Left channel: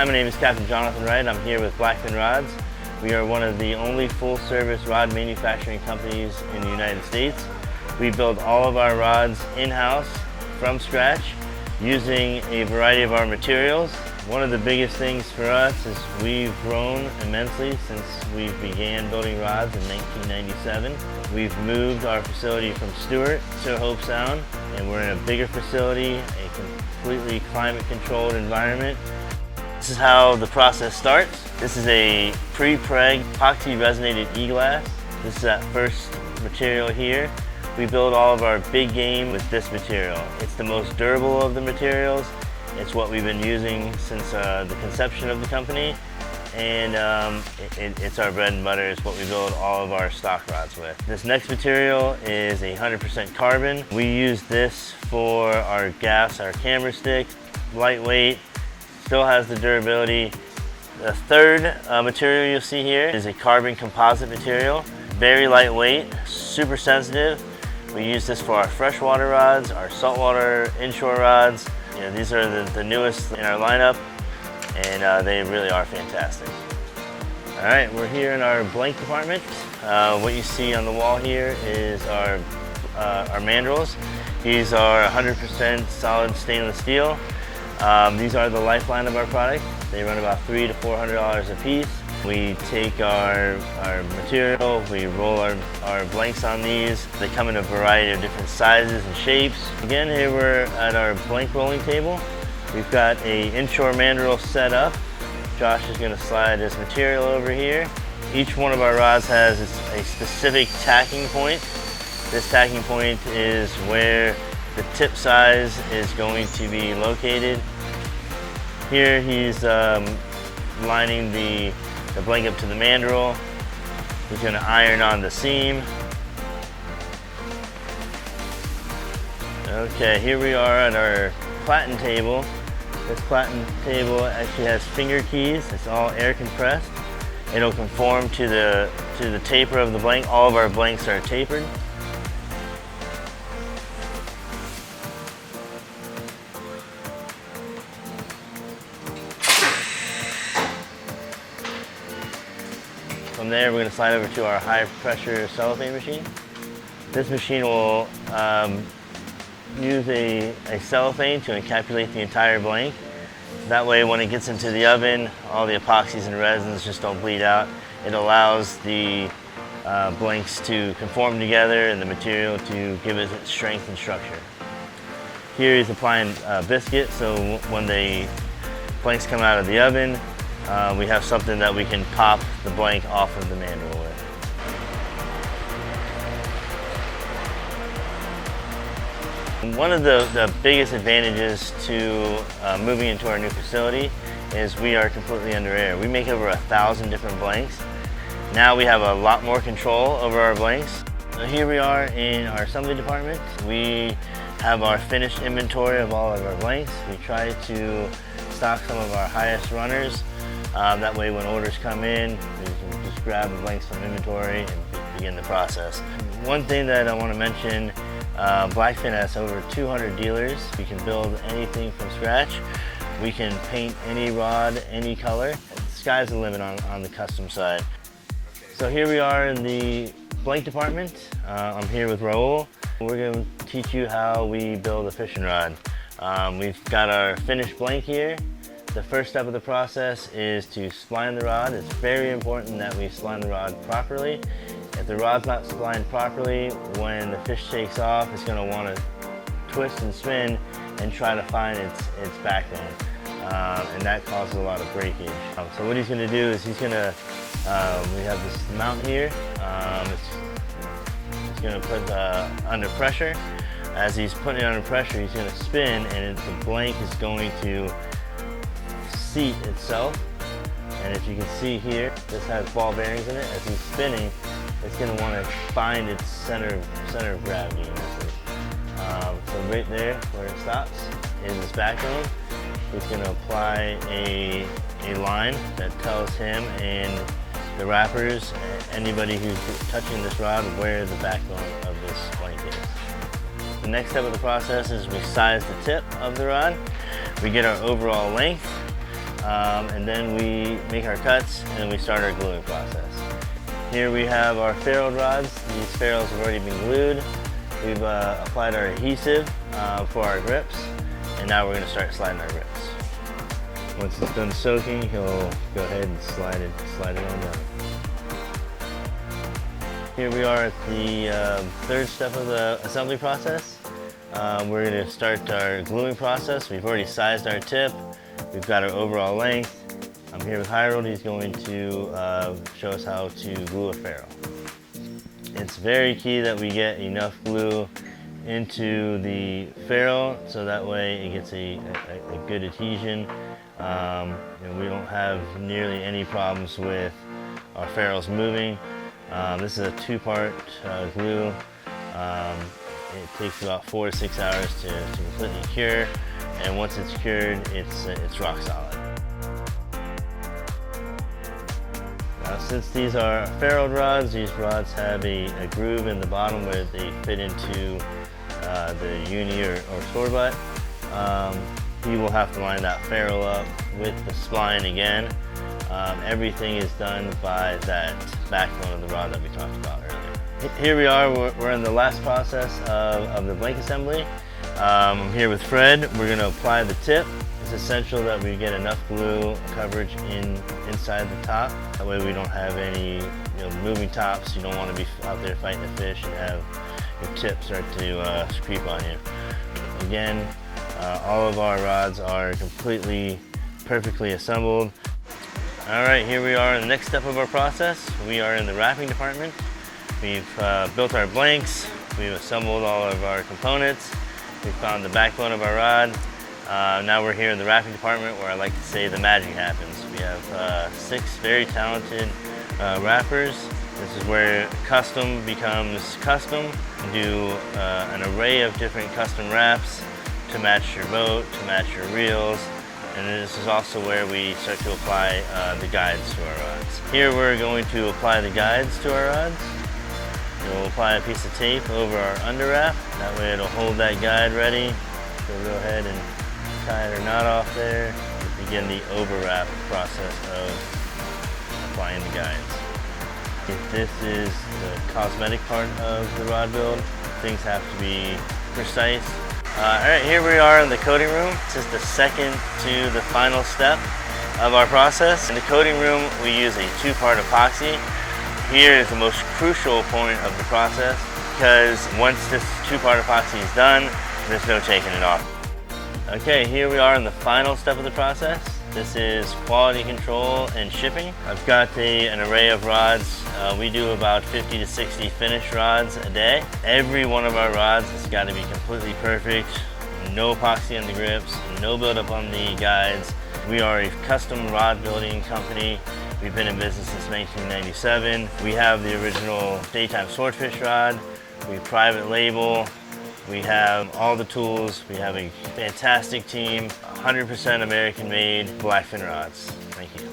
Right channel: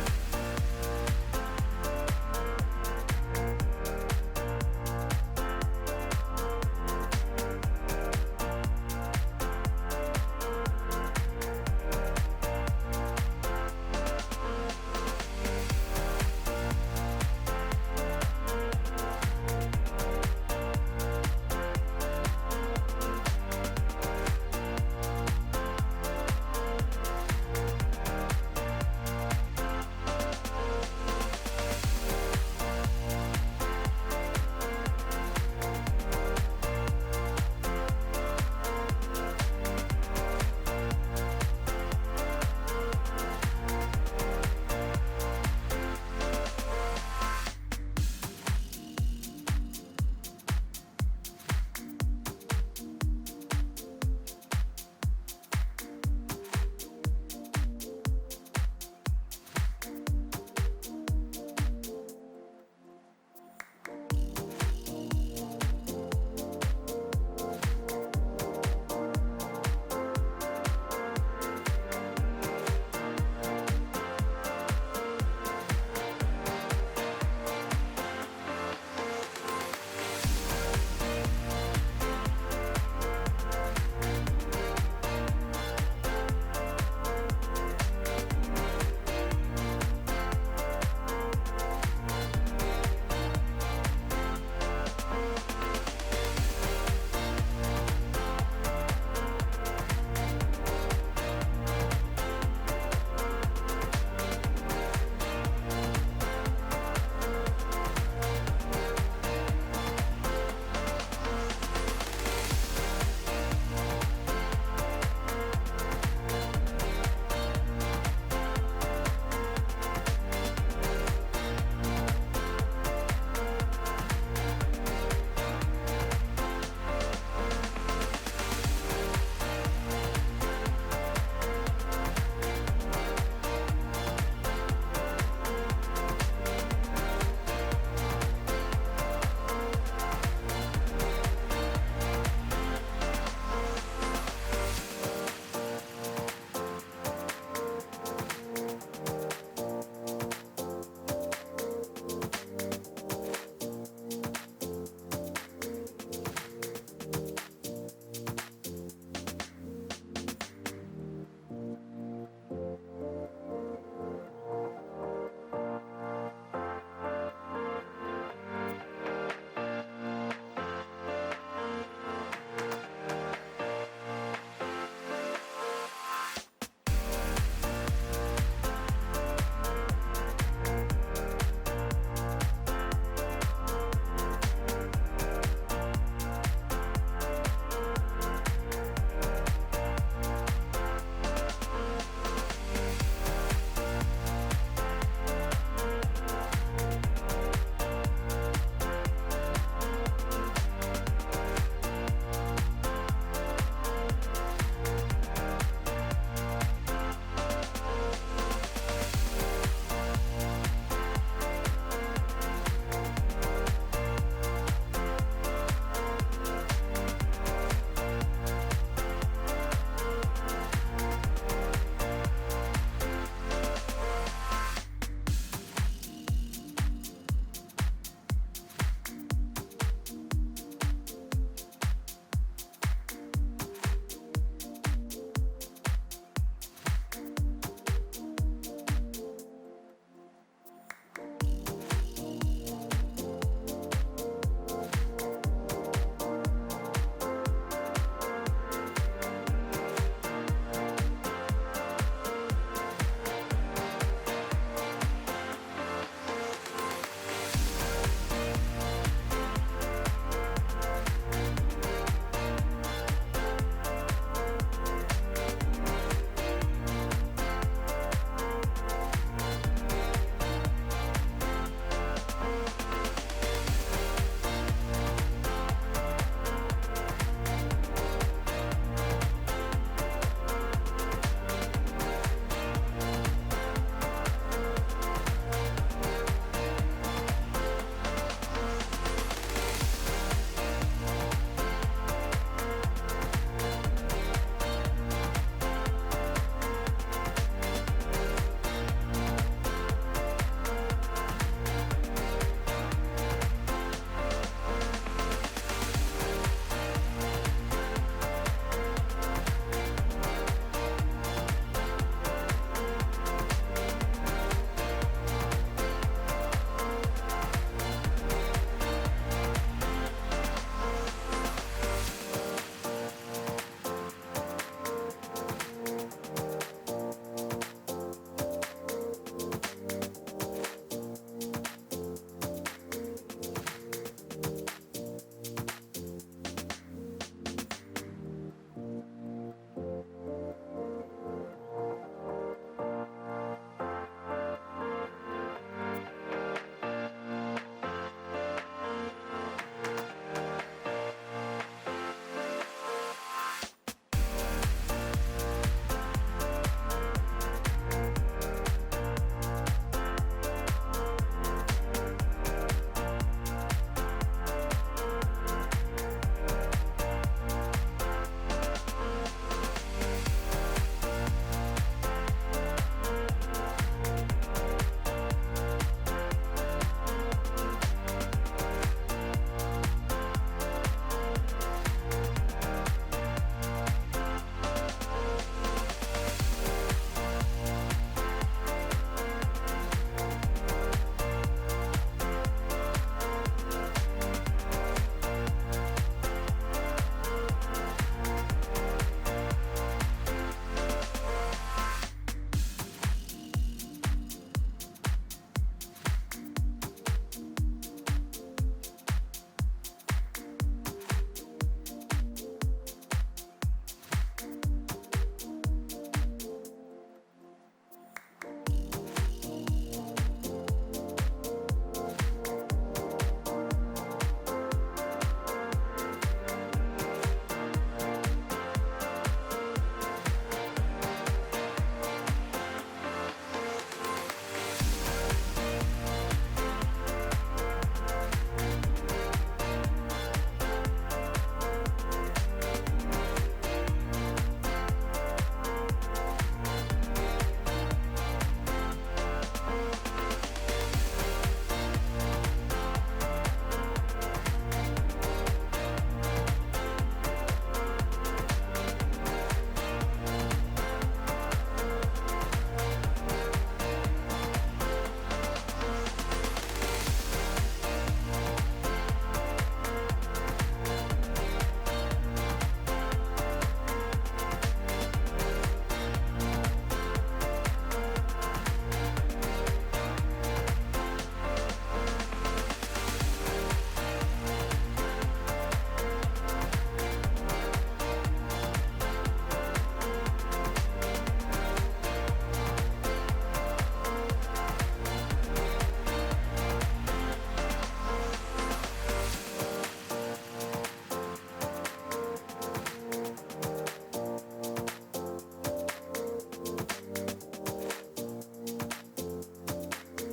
Hi, my name is Captain Jonathan Wright. I'm here with Blackfin Rods. We are one of the only full-service rod manufacturing companies in the United States. We build all of our rods in-house from scratch using a variety of our materials. One of the biggest things for us is we've grown immensely since we began building rods in 1997. We've moved our facility from Stewart to Hope Sound, and we're in a bigger facility, a completely climate-controlled environment. This is how the process starts. This is a pre-preg epoxy resonated e-glass. This is that first material here. We build all of our big game with this material. It's the most durable of the materials. It's what we've been using since the conception of the company, and it's our bread and butter. It's what we build all of our stock rods with. This next material is 100% carbon. We use this for our gaffs, our camera stick, lightweight, still has the durability. The third material you'll see here is a carbon composite material, very lightweight, super sensitive. We use this for our freshwater rods, our saltwater inshore rods. These are the newest in our lineup, and they really are fantastic. All right, we're here in our blank department. What you see on the wall here is our mandrels. These are 100% solid stainless steel. These are the lifeline of our product. They run about $300 to $400 a piece. We take our material, we roll our blanks on these. They come in a variety of different sizes and shapes. Again, here we're at our blank rolling table. We've got an inshore mandrel set up. Josh is going to slide this material over here. Each one of our rods has a specific tacking point. This tacking point is where the tip size is going to be located. Here he's lining the blank up to the mandrel. He's going to iron on the seam. Okay, here we are at our platen table. This platen table actually has finger keys. It's all air compressed. It'll conform to the taper of the blank. All of our blanks are tapered. From there, we're going to slide over to our high pressure cellophane machine. This machine will use a cellophane to encapsulate the entire blank. That way, when it gets into the oven, all the epoxies and resins just don't bleed out. It allows the blanks to conform together and the material to give it its strength and structure. Here he's applying biscuit, so when the blanks come out of the oven, we have something that we can pop the blank off of the mandrel with. One of the biggest advantages to moving into our new facility is we are completely under air. We make over 1,000 different blanks. Now we have a lot more control over our blanks. So here we are in our assembly department. We have our finished inventory of all of our blanks. We try to stock some of our highest runners. That way when orders come in, we can just grab the blanks from inventory and begin the process. One thing that I want to mention, Blackfin has over 200 dealers. We can build anything from scratch. We can paint any rod, any color. The sky's the limit on the custom side. So here we are in the blank department. I'm here with Raul. We're going to teach you how we build a fishing rod. We've got our finished blank here. The first step of the process is to spline the rod. It's very important that we spline the rod properly. If the rod's not splined properly, when the fish takes off, it's going to want to twist and spin and try to find its backbone. And that causes a lot of breakage. So what he's going to do is he's going to, we have this mount here. He's going to put under pressure. As he's putting it under pressure, he's going to spin, and the blank is going to seat itself. And if you can see here, this has ball bearings in it. As he's spinning, it's going to want to find its center of gravity. So right there, where it stops, is his backbone. He's going to apply a line that tells him and the wrappers, anybody who's touching this rod, where the backbone of this blank is. The next step of the process is we size the tip of the rod. We get our overall length. and then we make our cuts and then we start our gluing process. Here we have our ferrule rods. These ferrules have already been glued. We've applied our adhesive for our grips, and now we're going to start sliding our grips. Once it's done soaking, he'll go ahead and slide it on down. Here we are at the third step of the assembly process. We're going to start our gluing process. We've already sized our tip. We've got our overall length. I'm here with Harold. He's going to show us how to glue a ferrule. It's very key that we get enough glue into the ferrule so that way it gets a good adhesion, and we don't have nearly any problems with our ferrules moving. This is a two-part glue. It takes about 4 to 6 hours to completely cure, and once it's cured, it's rock solid. Since these are ferrule rods, these rods have a groove in the bottom where they fit into the uni or store butt. We will have to line that ferrule up with the spline again. Everything is done by that backbone of the rod that we talked about earlier. Here we are, we're in the last process of the blank assembly. I'm here with Fred. We're going to apply the tip. It's essential that we get enough glue coverage inside the top. That way we don't have any moving tops. You don't want to be out there fighting the fish and have your tip start to creep on you. Again, all of our rods are completely, perfectly assembled. All right, here we are in the next step of our process. We are in the wrapping department. We've built our blanks. We've assembled all of our components. We found the backbone of our rod. Now we're here in the wrapping department where I like to say the magic happens. We have 6 very talented wrappers. This is where custom becomes custom. We do an array of different custom wraps to match your boat, to match your reels. And this is also where we start to apply the guides to our rods. Here we're going to apply the guides to our rods. We'll apply a piece of tape over our under wrap. That way it'll hold that guide ready. So we'll go ahead and tie our knot off there. Begin the over wrap process of applying the guides. If this is the cosmetic part of the rod build, things have to be precise. Alright, here we are in the coating room. This is the second to the final step of our process. In the coating room, we use a 2-part epoxy. Here is the most crucial point of the process because once this 2-part epoxy is done, there's no taking it off. Okay, here we are in the final step of the process. This is quality control and shipping. I've got an array of rods. We do about 50 to 60 finished rods a day. Every one of our rods has got to be completely perfect. No epoxy on the grips, no buildup on the guides. We are a custom rod building company. We've been in business since 1997. We have the original daytime swordfish rod. We private label. We have all the tools. We have a fantastic team, 100% American made Blackfin rods. Thank you.